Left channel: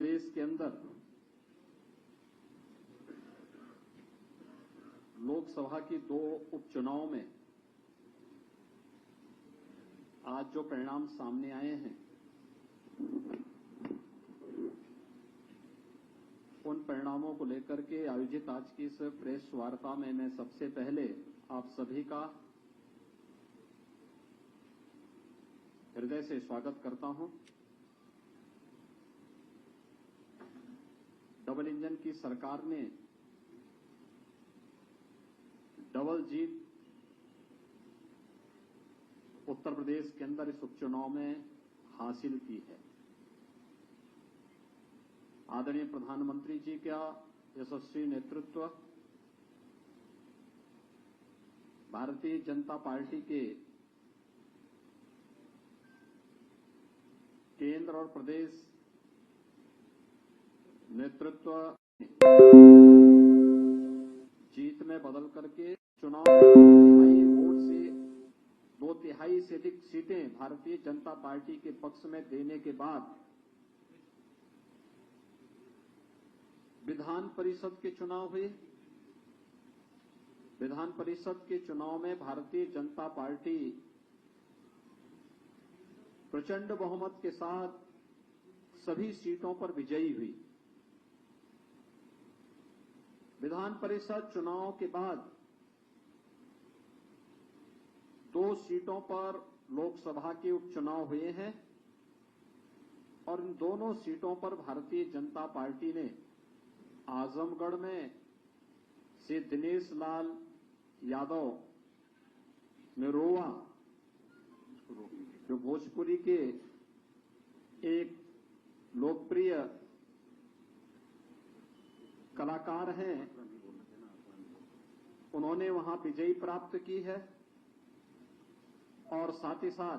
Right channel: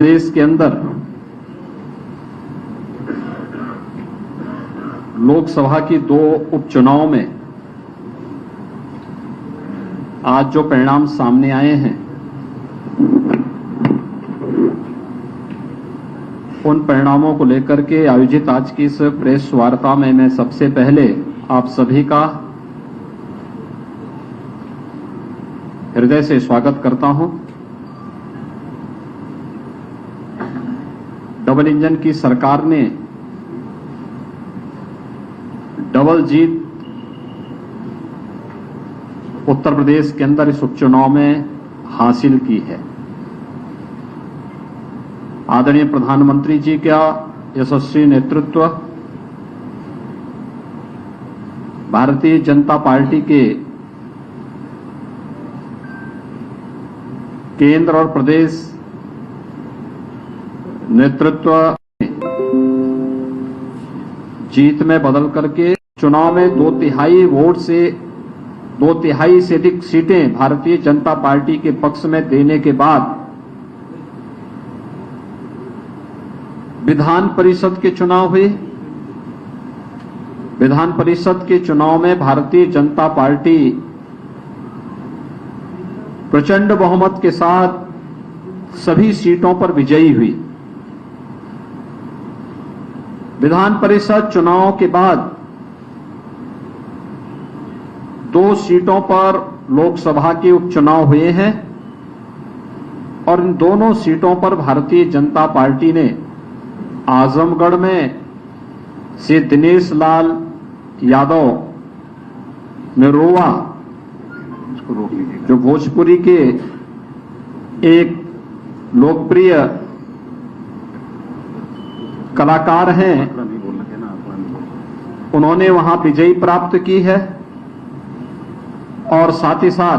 देश के अंदर लोकसभा की 2 उपचुनाव में आज जो परिणाम सामने आए हैं, उन परिणामों को लेकर के आयोजित आज की इस प्रेस वार्ता में मैं सबसे पहले आप सभी का हृदय से स्वागत करता हूं। डबल इंजन की सरकार ने डबल जीत उत्तर प्रदेश के अंदर इस उपचुनाव में हासिल की है। आदरणीय प्रधानमंत्री जी का यशस्वी नेतृत्व, भारतीय जनता पार्टी के केंद्र और प्रदेश नेतृत्व जीत में बदल करके चुनाव में 2/3 से अधिक सीटें भारतीय जनता पार्टी के पक्ष में देने के बाद विधान परिषद के चुनाव हुए। विधान परिषद के चुनाव में भारतीय जनता पार्टी प्रचंड बहुमत के साथ सभी सीटों पर विजयी हुई। विधान परिषद चुनाव के बाद 2 सीटों पर लोकसभा के उपचुनाव हुए हैं और इन दोनों सीटों पर भारतीय जनता पार्टी ने आजमगढ़ में से दिनेश लाल यादव निरोवा, जो भोजपुरी के एक लोकप्रिय कलाकार हैं, उन्होंने वहां विजयी प्राप्त की है। और साथ ही साथ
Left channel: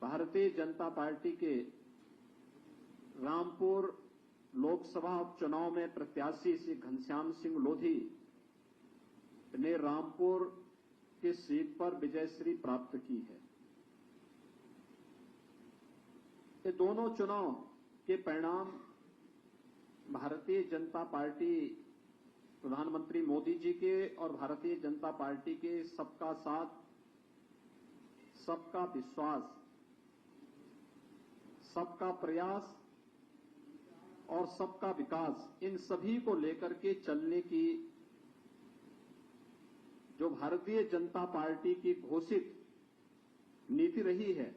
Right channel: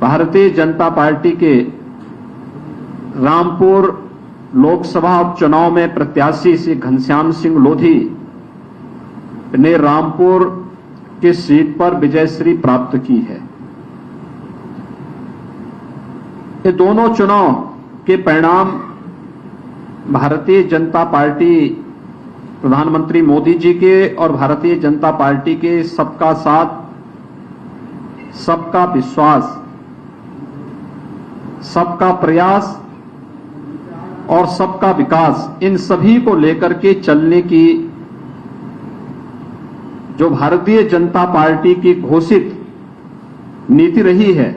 भारतीय जनता पार्टी के रामपुर लोकसभा उपचुनाव में प्रत्याशी श्री घनश्याम सिंह लोधी ने रामपुर की सीट पर विजयश्री प्राप्त की है। ये दोनों चुनाव के परिणाम भारतीय जनता पार्टी, प्रधानमंत्री मोदी जी के और भारतीय जनता पार्टी के सबका साथ, सबका विश्वास, सबका प्रयास और सबका विकास, इन सभी को लेकर के चलने की जो भारतीय जनता पार्टी की घोषित नीति रही है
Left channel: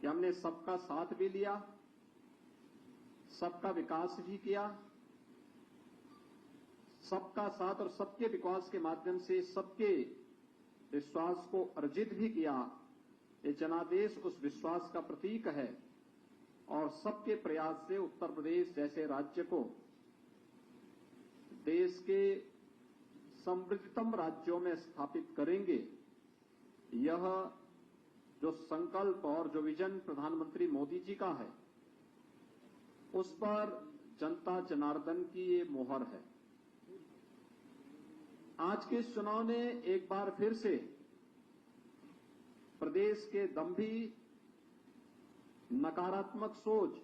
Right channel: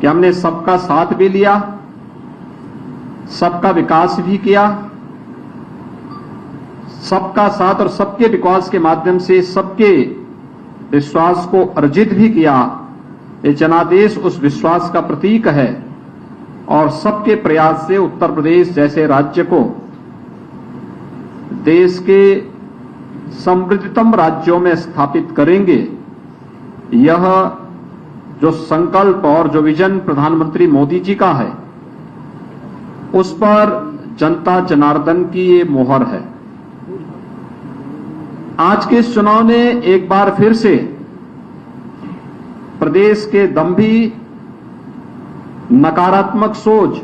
कि हमने सबका साथ भी लिया, सबका विकास भी किया, सबका साथ और सबके विकास के माध्यम से सबके विश्वास को अर्जित भी किया। ये जनादेश उस विश्वास का प्रतीक है और सबके प्रयास से उत्तर प्रदेश जैसे राज्य को देश के समृद्धतम राज्यों में स्थापित करेंगे। यह जो संकल्प और जो विजन प्रधानमंत्री मोदी जी का है, उस पर जनता जनार्दन की ये मोहर है। आज के इस चुनाव ने एक बार फिर से प्रदेश के दंभी, नकारात्मक सोच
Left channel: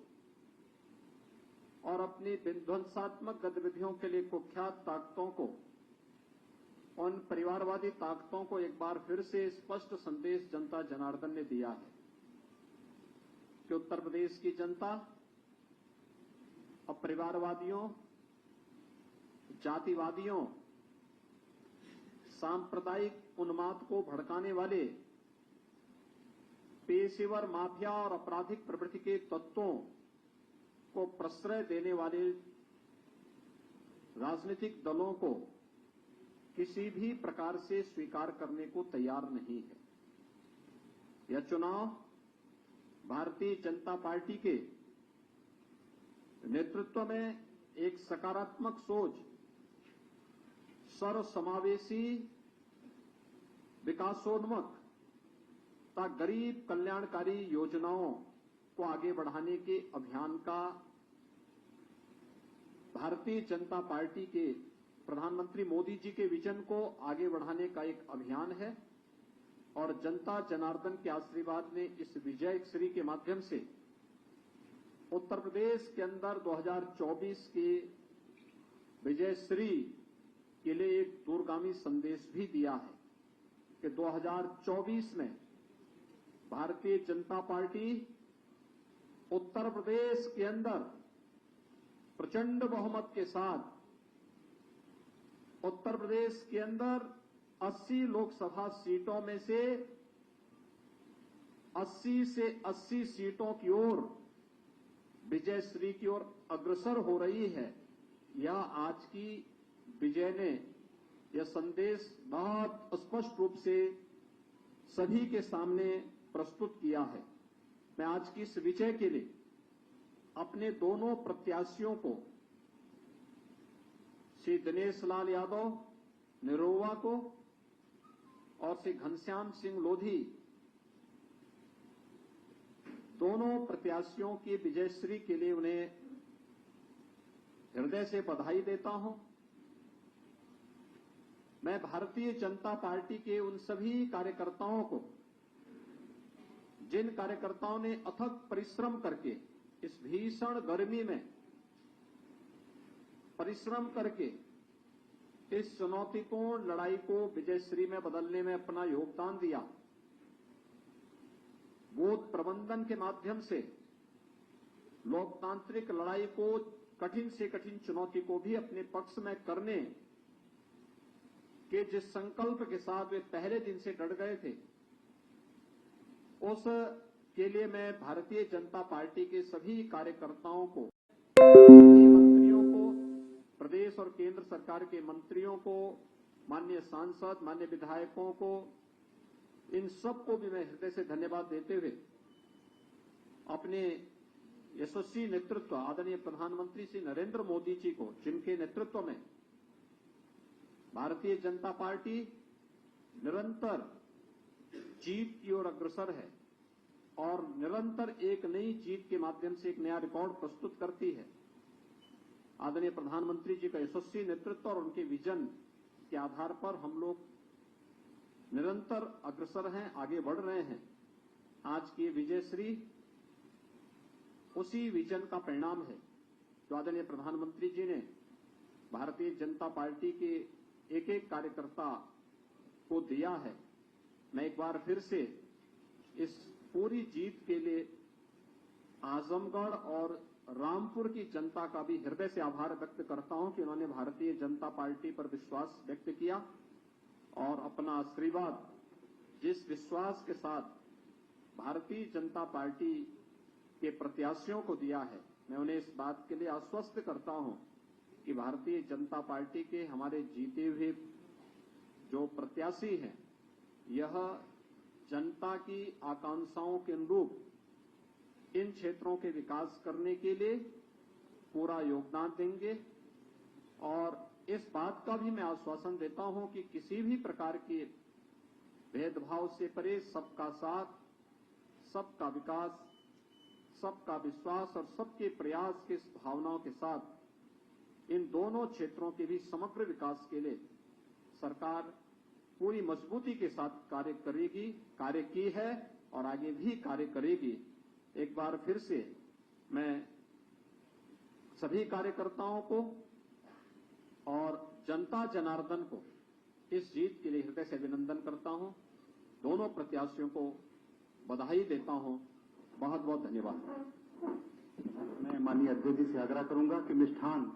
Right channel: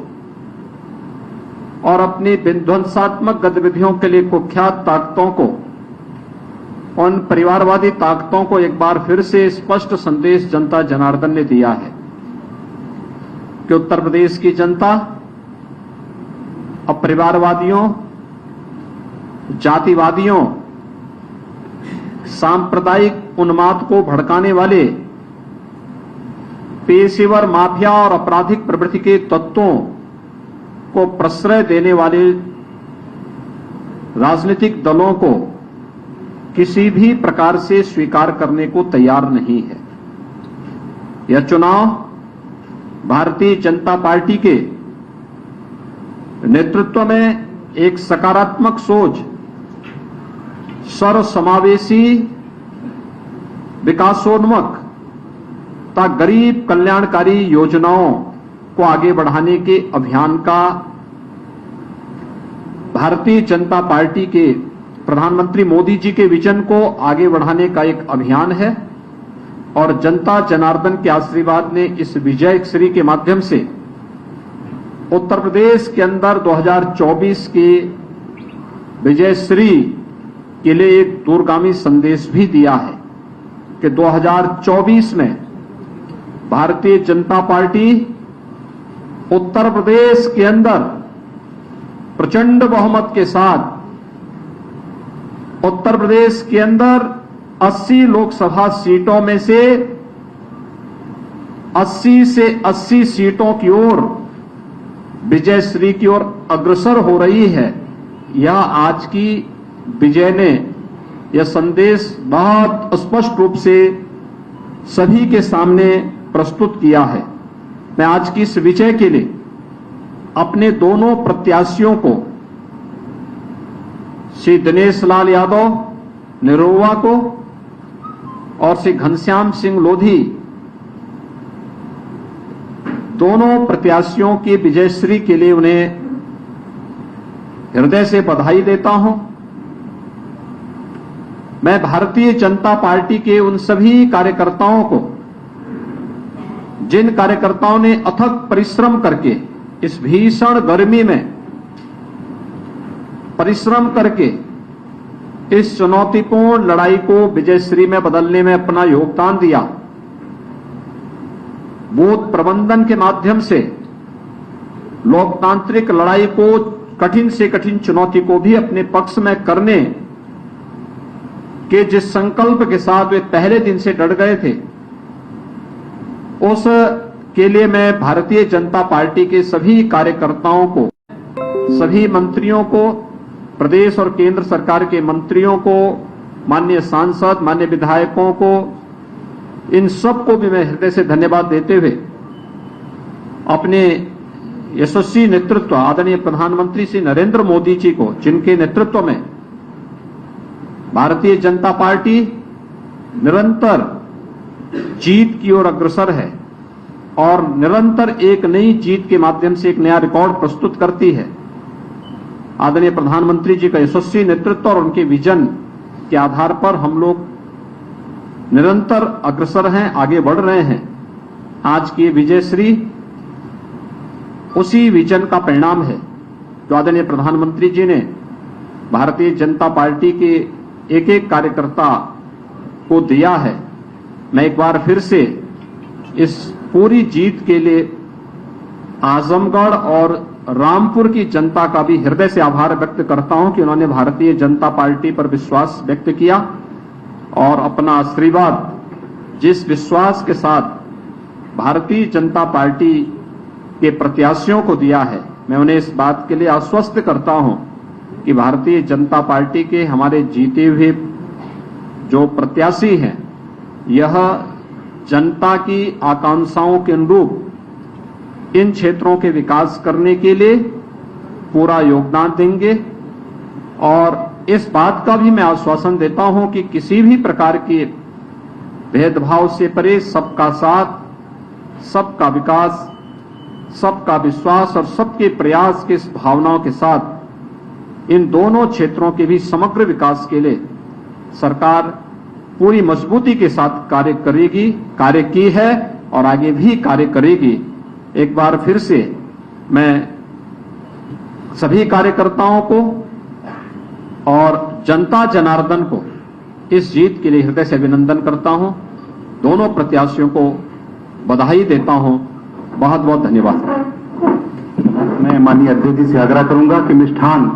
और अपनी विध्वंसात्मक गतिविधियों के लिए कुख्यात ताकतों को, उन परिवारवादी ताकतों को एक बार फिर से स्पष्ट संदेश जनता जनार्दन ने दिया है कि उत्तर प्रदेश की जनता अब परिवारवादियों, जातिवादियों, सांप्रदायिक उन्माद को भड़काने वाले पेशेवर माफिया और आपराधिक प्रवृत्ति के तत्वों को प्रश्रय देने वाले राजनीतिक दलों को किसी भी प्रकार से स्वीकार करने को तैयार नहीं है। यह चुनाव भारतीय जनता पार्टी के नेतृत्व में एक सकारात्मक सोच, सर्वसमावेशी, विकासोन्मुख तथा गरीब कल्याणकारी योजनाओं को आगे बढ़ाने के अभियान का भारतीय जनता पार्टी के प्रधानमंत्री मोदी जी के विजन को आगे बढ़ाने का एक अभियान है और जनता जनार्दन के आशीर्वाद ने इस विजय श्री के माध्यम से उत्तर प्रदेश के अंदर 2024 की विजयश्री के लिए एक दूरगामी संदेश भी दिया है कि 2024 में भारतीय जनता पार्टी उत्तर प्रदेश के अंदर प्रचंड बहुमत के साथ उत्तर प्रदेश के अंदर 80 लोकसभा सीटों में से 80 से 80 सीटों की ओर विजयश्री की ओर अग्रसर हो रही है। यह आज की विजय ने यह संदेश बहुत स्पष्ट रूप से सभी के सामने प्रस्तुत किया है। मैं आज की इस विजय के लिए अपने दोनों प्रत्याशियों को, श्री दिनेश लाल यादव निरोवा को और श्री घनश्याम सिंह लोधी, दोनों प्रत्याशियों की विजयश्री के लिए उन्हें हृदय से बधाई देता हूं। मैं भारतीय जनता पार्टी के उन सभी कार्यकर्ताओं को, जिन कार्यकर्ताओं ने अथक परिश्रम करके इस भीषण गर्मी में परिश्रम करके इस चुनौतीपूर्ण लड़ाई को विजयश्री में बदलने में अपना योगदान दिया, बूथ प्रबंधन के माध्यम से लोकतांत्रिक लड़ाई को, कठिन से कठिन चुनौती को भी अपने पक्ष में करने के जिस संकल्प के साथ वे पहले दिन से डट गए थे, उस के लिए मैं भारतीय जनता पार्टी के सभी कार्यकर्ताओं को, सभी मंत्रियों को, प्रदेश और केंद्र सरकार के मंत्रियों को, माननीय सांसद, माननीय विधायकों को, इन सबको भी मैं हृदय से धन्यवाद देते हुए अपने यशस्वी नेतृत्व आदरणीय प्रधानमंत्री श्री नरेंद्र मोदी जी को, जिनके नेतृत्व में भारतीय जनता पार्टी निरंतर जीत की ओर अग्रसर है और निरंतर एक नई जीत के माध्यम से एक नया रिकॉर्ड प्रस्तुत करती है। आदरणीय प्रधानमंत्री जी का यशस्वी नेतृत्व और उनके विजन के आधार पर हम लोग निरंतर अग्रसर हैं, आगे बढ़ रहे हैं। आज की विजयश्री उसी विजन का परिणाम है जो आदरणीय प्रधानमंत्री जी ने भारतीय जनता पार्टी के एक एक कार्यकर्ता को दिया है। मैं एक बार फिर से इस पूरी जीत के लिए आजमगढ़ और रामपुर की जनता का भी हृदय से आभार व्यक्त करता हूं कि उन्होंने भारतीय जनता पार्टी पर विश्वास व्यक्त किया और अपना आशीर्वाद, जिस विश्वास के साथ भारतीय जनता पार्टी के प्रत्याशियों को दिया है, मैं उन्हें इस बात के लिए आश्वस्त करता हूं कि भारतीय जनता पार्टी के हमारे जीते हुए जो प्रत्याशी हैं, यह जनता की आकांक्षाओं के अनुरूप इन क्षेत्रों के विकास करने के लिए पूरा योगदान देंगे। और इस बात का भी मैं आश्वासन देता हूं कि किसी भी प्रकार के भेदभाव से परे सबका साथ, सबका विकास, सबका विश्वास और सबके प्रयास की इस भावनाओं के साथ इन दोनों क्षेत्रों के भी समग्र विकास के लिए सरकार पूरी मजबूती के साथ कार्य करेगी, कार्य की है और आगे भी कार्य करेगी। एक बार फिर से मैं सभी कार्यकर्ताओं को और जनता जनार्दन को इस जीत के लिए हृदय से अभिनंदन करता हूं। दोनों प्रत्याशियों को बधाई देता हूं। बहुत बहुत धन्यवाद। मैं माननीय अध्यक्ष जी से आग्रह करूंगा कि मिष्ठान